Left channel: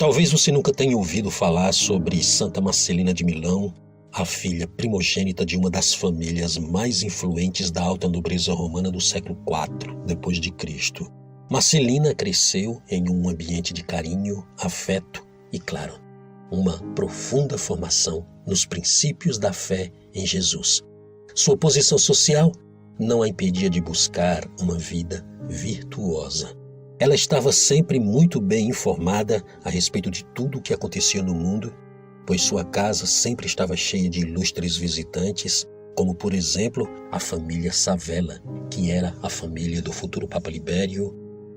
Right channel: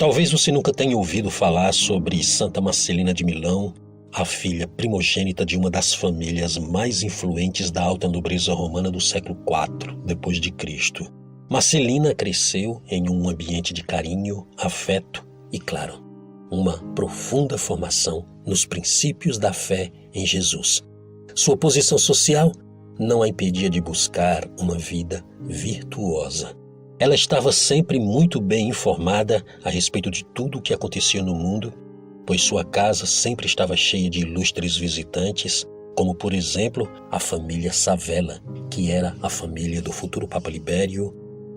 Talvez você nunca tenha ouvido falar sobre Santa Marcelina de Milão, a filha primogênita de uma das famílias mais influentes da alta nobreza romana do século IV depois de Cristo. Marcelina cresceu em um ambiente de carinho, afeto e, claro, uma profunda formação nos princípios da fé em Jesus. Sua posição social não a impedia de buscar uma vida virtuosa. Ela estava sempre muito bem informada a respeito de tudo o que acontecia no mundo, pois sua casa sempre estava cheia de ilustres visitantes, como, por exemplo, a família Sávela, que era a família do futuro Papa Libério,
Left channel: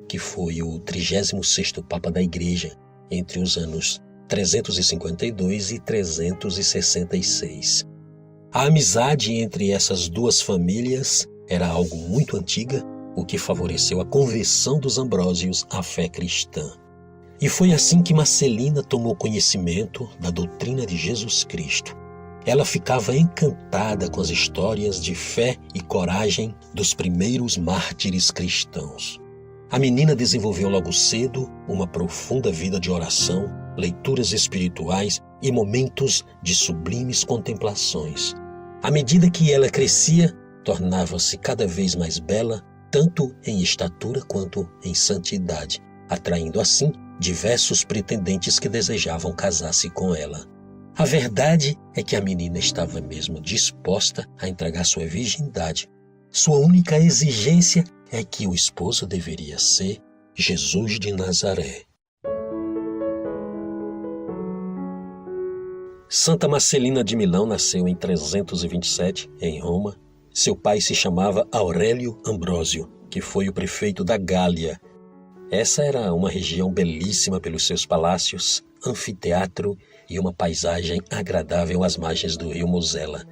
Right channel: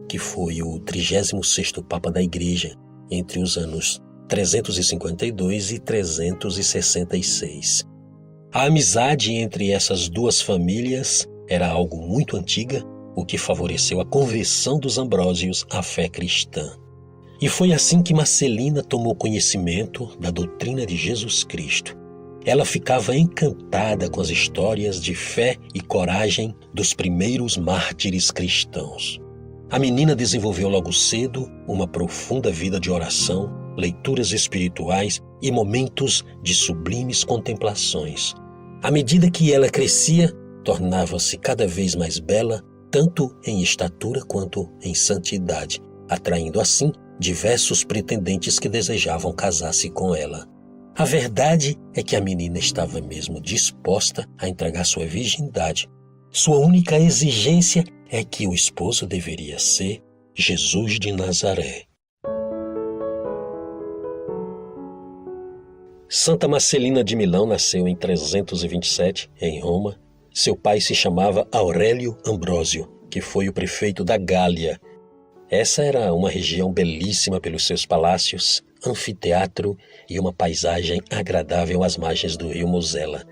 que foi o 36º Papa da Igreja, entre os anos 352 e 366. A amizade entre essas duas famílias era algo muito antiga, o que favoreceu a conversão dos Ambrósios à fé cristã. E foi assim que Marcelina tomou conhecimento da doutrina de Jesus Cristo. Ela ficava encantada com as histórias de fé e coragem dos primeiros mártires cristãos. A menina desenvolveu logo cedo uma profunda vida de oração, leituras espirituais e momentos de sublimes contemplações. À medida que ela crescia, tornava-se cada vez mais bela, tanto em estatura quanto em santidade, atraindo assim diversos pretendentes que desejavam casar-se com ela. A verdade é que a menina estava mesmo disposta a entregar sua virgindade. Sua única exigência é que o esposo deveria ser Jesus de Nazaré. Santa Marcelina de Milão nasceu em 327, em Roma. Seu pai se chamava Aurélio Ambrósio, que foi o prefeito da Gália. Essa era uma região belíssima pelos seus palácios, anfiteatro e uma paisagem agradável às margens do rio Mosela.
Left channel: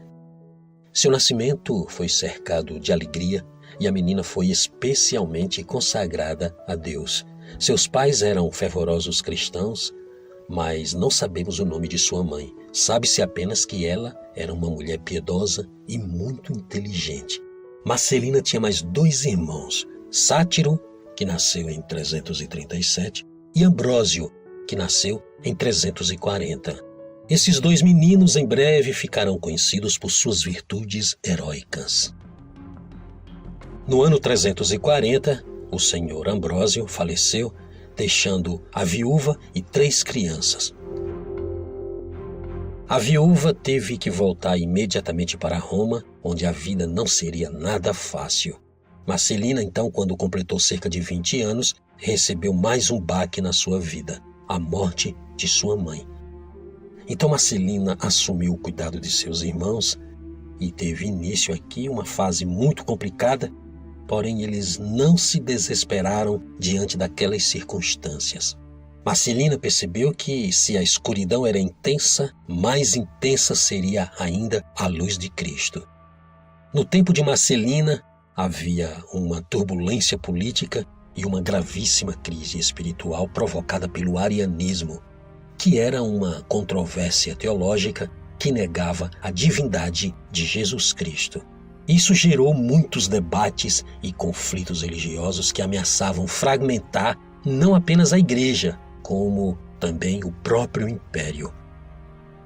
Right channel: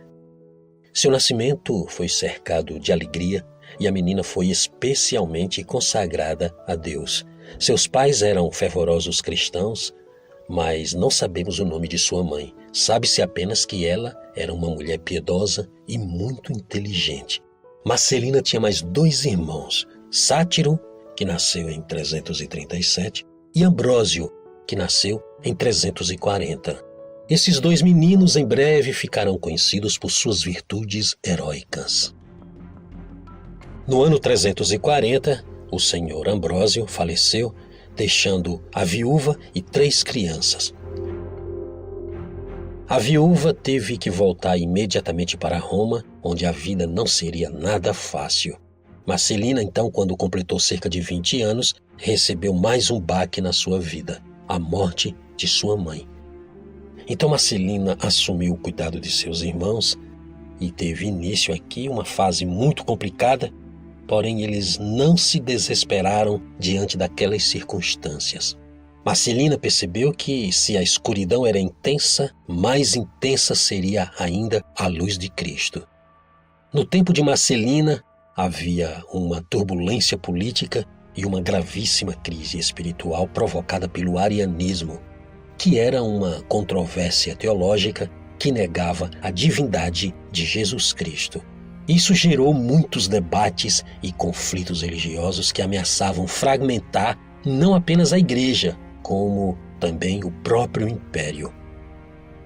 Seu nascimento foi cercado de alegria e a menina foi especialmente consagrada a Deus. Seus pais eram fervorosos cristãos, mas não sabemos o nome de sua mãe. Sabe-se apenas que ela era uma mulher piedosa e muito inteligente. Marcelina tinha mais 2 irmãos, Sátiro, que nasceu em 337, e Ambrósio, que nasceu em 340. Esses 2 meninos em breve ficaram conhecidos por suas virtudes heróicas. No ano 340, o senhor Ambrósio faleceu, deixando a viúva e 3 crianças. A viúva teve que voltar imediatamente para Roma, onde a vida não seria nada fácil. Marcelina, então, quando completou cerca de 20 anos, recebeu mais um baque na sua vida, a morte de sua mãe. Então Marcelina assumiu o cuidado de seus irmãos e teve início aqui uma fase muito complicada, porém eles não se desesperaram diante daquelas circunstâncias. Marcelina percebeu que, se a escuridão era intensa, mais intensa seria ainda a luz de Cristo. No tempo de Marcelina, havia uma turbulência política e uma gravíssima crise espiritual provocada pelo arianismo, que era uma controvérsia teológica que negava a divindade de Jesus Cristo. Isso gerou muitos debates e conflitos religiosos que ameaçavam fragmentar não apenas a Igreja, como também o próprio Império.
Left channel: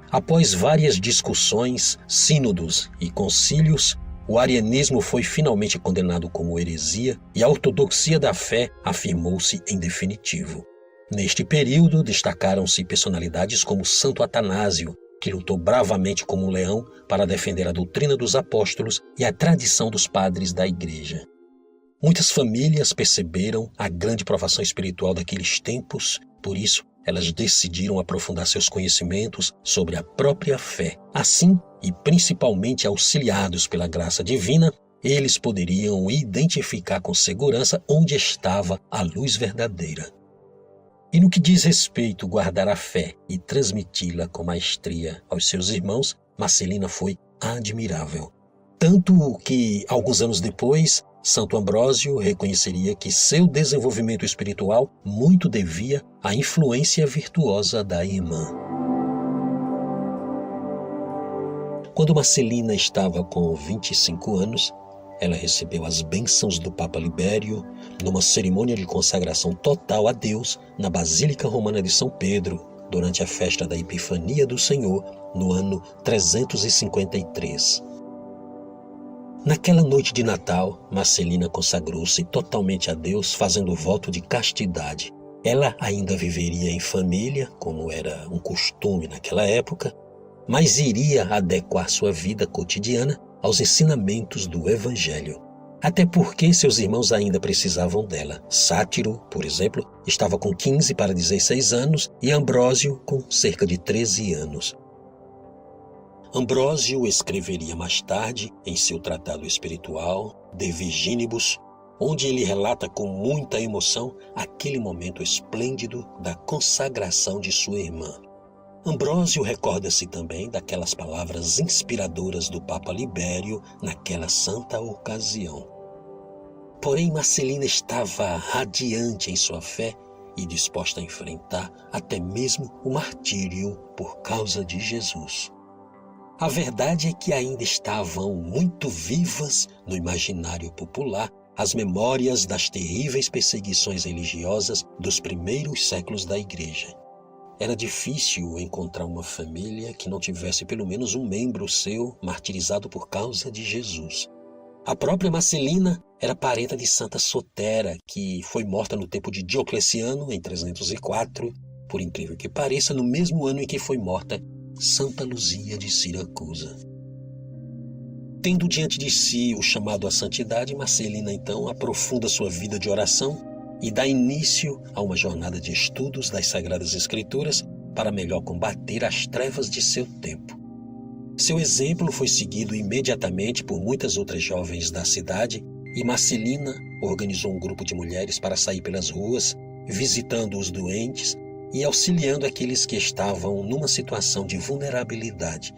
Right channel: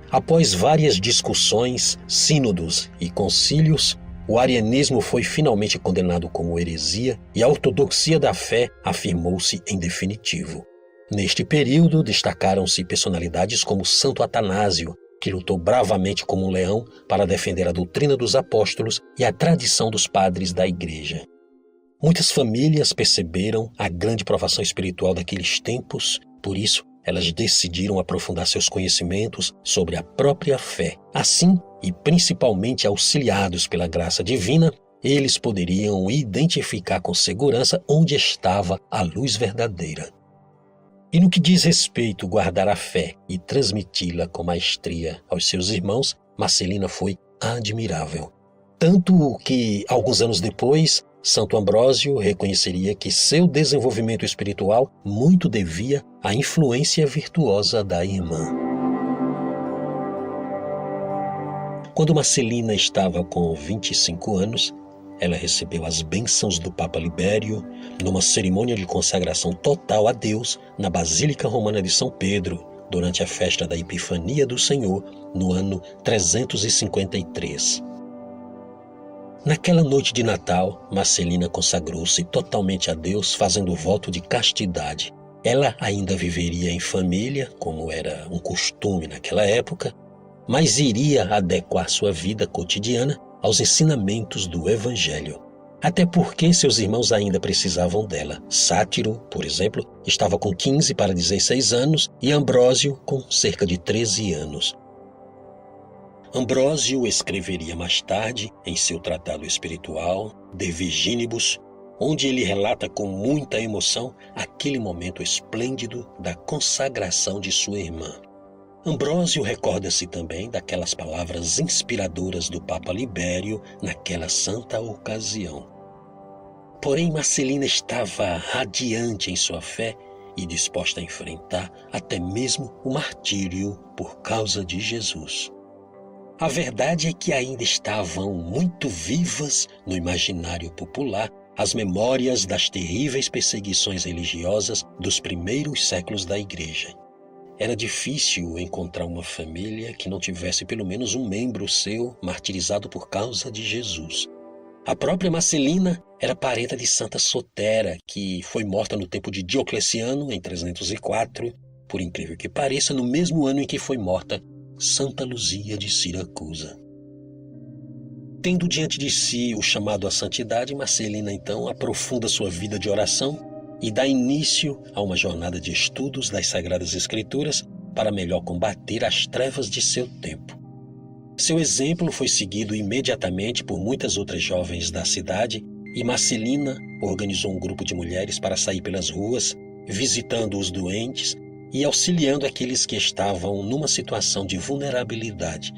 Após várias discussões, sínodos e concílios, o arianismo foi finalmente condenado como heresia e a ortodoxia da fé afirmou-se em definitivo. Neste período, destacaram-se personalidades como Santo Atanásio, que lutou bravamente como um leão para defender a doutrina dos apóstolos e a tradição dos padres da Igreja. Muitas famílias perceberam a grande provação espiritual daqueles tempos, por isso elas decidiram aprofundar seus conhecimentos sobre a própria fé. Assim, e principalmente auxiliados pela graça divina, eles poderiam identificar com segurança onde estava a luz verdadeira. E no que diz respeito a guardar a fé e transmiti-la com maestria aos seus irmãos, Marcelina foi admirável. Tanto que, alguns anos depois, Santo Ambrósio reconheceria que seu desenvolvimento espiritual muito devia à influência virtuosa da irmã. Quando Marcelina estava com 25 anos, ela recebeu as bênçãos do Papa Libério numa cerimônia de consagração total a Deus na Basílica Romana de São Pedro, durante a festa da Epifania do Senhor, no ano 353. Naquela noite de Natal, Marcelina consagrou-se totalmente a Deus, fazendo voto de castidade. Ela ainda viveria em família, como era um costume naquela época, mas iria adequar sua vida cotidiana aos ensinamentos do Evangelho. Até porque seus irmãos ainda precisavam dela. Sátiro, por exemplo, estava com 15 para 16 anos e Ambrósio com cerca de 13 anos. Ambrósio escreveria mais tarde, em seu tratado espiritual, De Virginibus, onde ele relata com muita emoção aquele momento esplêndido da consagração de sua irmã. Ambrósio recorda-se também daquelas palavras inspiradoras do Papa Libério naquela santa ocasião. Porém, Marcelina estava radiante em sua fé e disposta a enfrentar até mesmo o martírio por causa de Jesus. A verdade é que ainda estavam muito vivas no imaginário popular as memórias das terríveis perseguições religiosas dos primeiros séculos da Igreja. Era difícil encontrar uma família que não tivesse pelo menos um membro seu martirizado por causa de Jesus. A própria Marcelina era parenta de Santa Sotera, que foi morta no tempo de Diocleciano, em 304, por incrível que pareça, no mesmo ano em que foi morta Santa Luzia de Siracusa. Tendo diante de si o chamado à santidade, Marcelina então aprofunda sua vida de oração e dá início a uma jornada de estudos das Sagradas Escrituras para melhor combater as trevas de seu tempo. Seu exemplo foi seguido imediatamente por muitas outras jovens da cidade e Marcelina organizou um grupo de mulheres para sair pelas ruas, visitando os doentes e auxiliando aqueles que estavam numa situação de vulnerabilidade.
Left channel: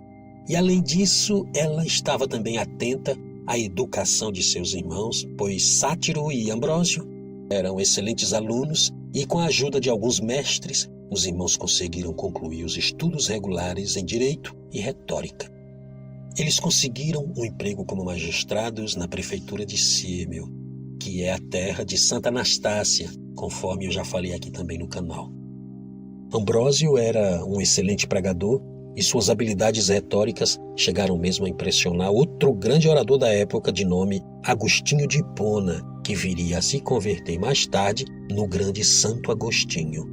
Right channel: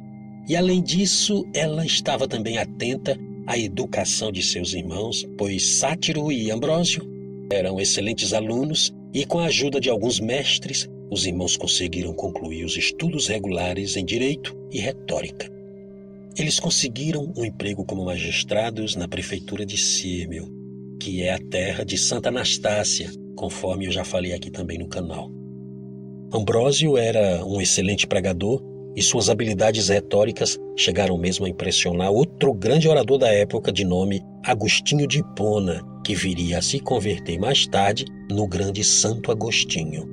E além disso, ela estava também atenta à educação de seus irmãos, pois Sátiro e Ambrósio eram excelentes alunos e, com a ajuda de alguns mestres, os irmãos conseguiram concluir os estudos regulares em Direito e Retórica. Eles conseguiram um emprego como magistrados na prefeitura de Sírmio, que é a terra de Santa Anastácia, conforme eu já falei aqui também no canal. Ambrósio era um excelente pregador e suas habilidades retóricas chegaram mesmo a impressionar outro grande orador da época de nome Agostinho de Hipona, que viria a se converter mais tarde no grande Santo Agostinho.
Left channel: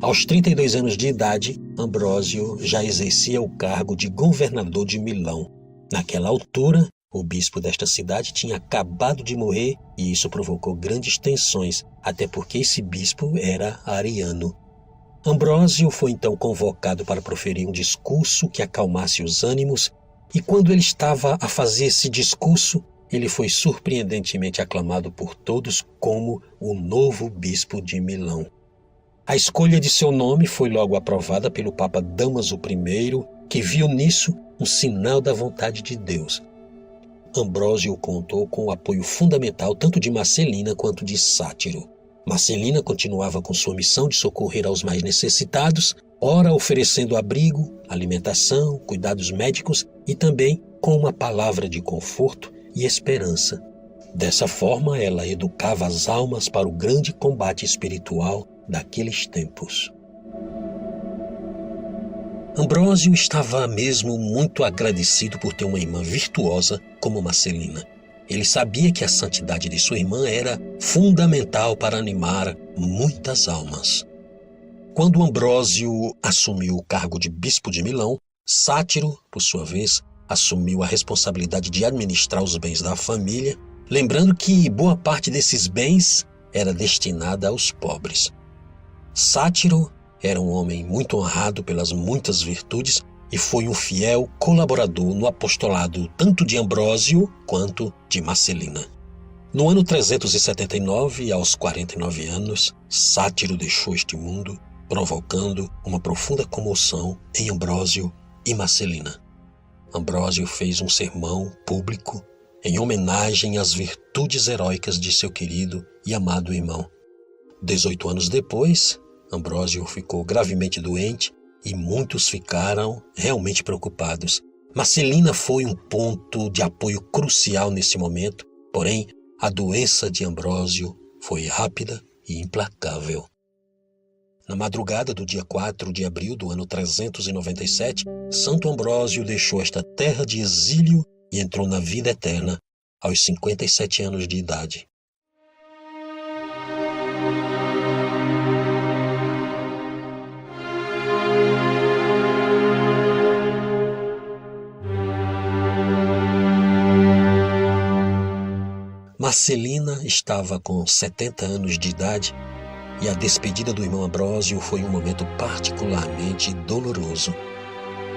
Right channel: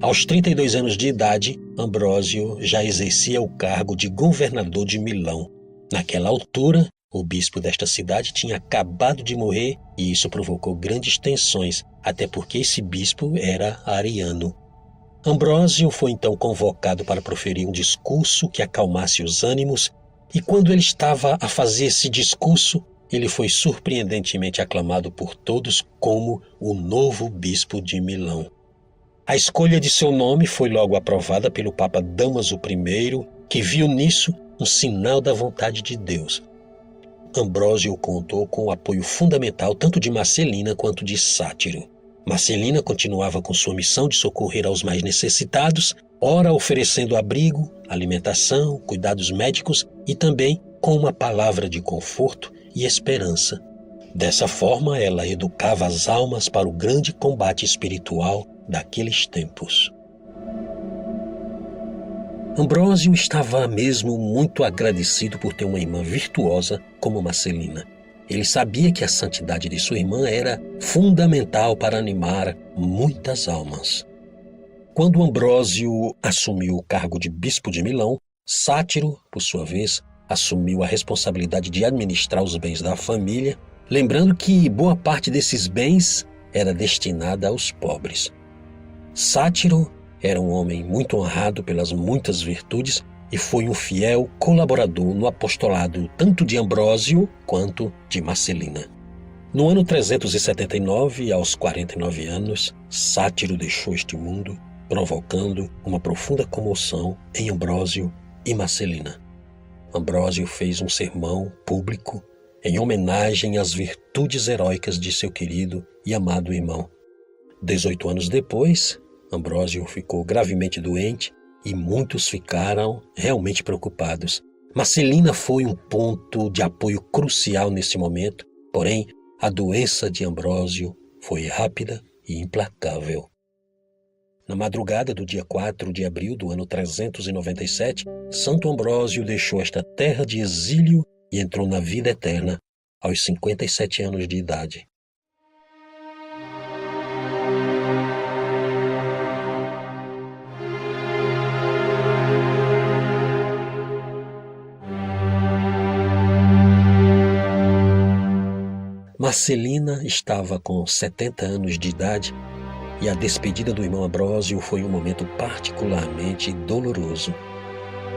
Aos 32 anos de idade, Ambrósio já exercia o cargo de governador de Milão. Naquela altura, o bispo desta cidade tinha acabado de morrer e isso provocou grandes tensões, até porque esse bispo era ariano. Ambrósio foi então convocado para proferir um discurso que acalmasse os ânimos, e quando ele estava a fazer esse discurso, ele foi surpreendentemente aclamado por todos como o novo bispo de Milão. A escolha de seu nome foi logo aprovada pelo Papa Dámaso I, que viu nisso um sinal da vontade de Deus. Ambrósio contou com o apoio fundamental tanto de Marcelina quanto de Sátiro. Marcelina continuava com sua missão de socorrer aos mais necessitados, ora oferecendo abrigo, alimentação, cuidados médicos e também com uma palavra de conforto e esperança. Dessa forma, ela educava as almas para o grande combate espiritual daqueles tempos. Ambrósio estava mesmo muito agradecido por ter uma irmã virtuosa como Marcelina. Ele sabia que a santidade de sua irmã era fundamental para animar muitas almas. Quando Ambrósio assumiu o cargo de bispo de Milão, Sátiro, por sua vez, assumiu a responsabilidade de administrar os bens da família, lembrando que boa parte desses bens era destinada aos pobres. Sátiro era um homem muito honrado pelas muitas virtudes e foi um fiel colaborador no apostolado tanto de Ambrósio quanto de Marcelina. No ano 379, aos 49 anos, Sátiro deixou este mundo, provocando uma profunda comoção em Ambrósio e Marcelina. Ambrósio fez um sermão público em homenagem às virtudes heróicas de seu querido e amado irmão. 18 anos depois, Ambrósio ficou gravemente doente e muitos ficaram realmente preocupados. Marcelina foi um ponto de apoio crucial nesse momento Porém, a doença de Ambrósio foi rápida e implacável. Na madrugada do dia 4 de abril do ano 397, Santo Ambrósio deixou esta terra de exílio e entrou na vida eterna aos 57 anos de idade. Marcelina estava com 70 anos de idade e a despedida do irmão Ambrósio foi um momento particularmente doloroso.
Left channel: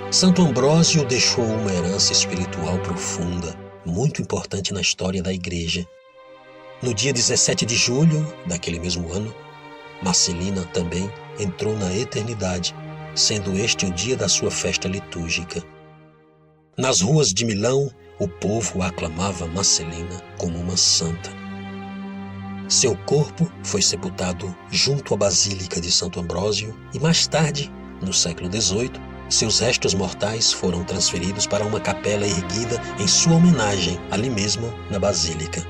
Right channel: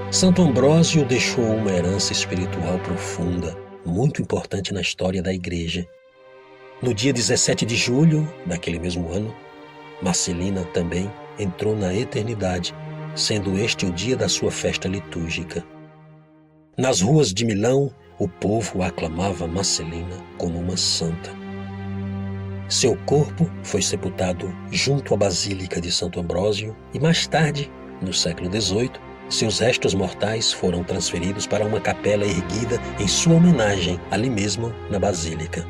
Santo Ambrósio deixou uma herança espiritual profunda, muito importante na história da Igreja. No dia 17 de julho daquele mesmo ano, Marcelina também entrou na eternidade, sendo este o dia da sua festa litúrgica. Nas ruas de Milão, o povo aclamava Marcelina como uma santa. Seu corpo foi sepultado junto à Basílica de Santo Ambrósio e mais tarde, no século XVIII, seus restos mortais foram transferidos para uma capela erguida em sua homenagem ali mesmo na Basílica.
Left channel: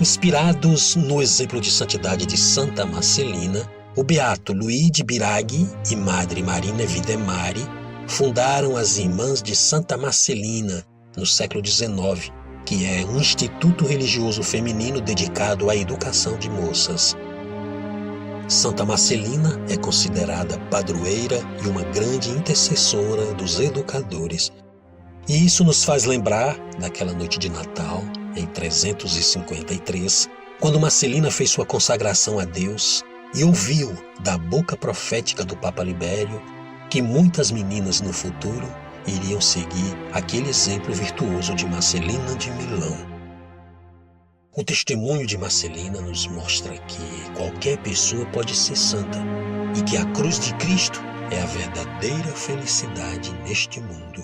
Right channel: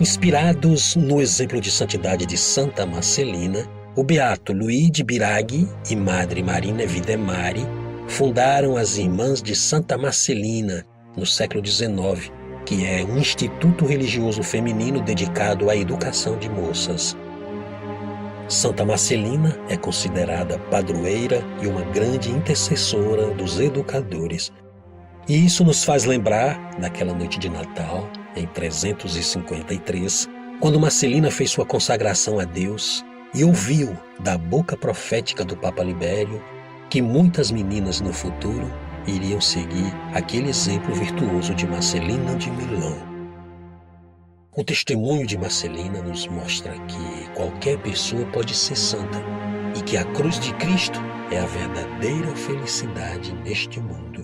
Inspirados no exemplo de santidade de Santa Marcelina, o beato Luigi Biraghi e Madre Marina Videmari fundaram as Irmãs de Santa Marcelina no século XIX, que é um instituto religioso feminino dedicado à educação de moças. Santa Marcelina é considerada padroeira e uma grande intercessora dos educadores. E isso nos faz lembrar daquela noite de Natal, em 353, quando Marcelina fez sua consagração a Deus e ouviu da boca profética do Papa Libério que muitas meninas no futuro iriam seguir aquele exemplo virtuoso de Marcelina de Milão. O testemunho de Marcelina nos mostra que qualquer pessoa pode ser santa e que a cruz de Cristo é a verdadeira felicidade neste mundo.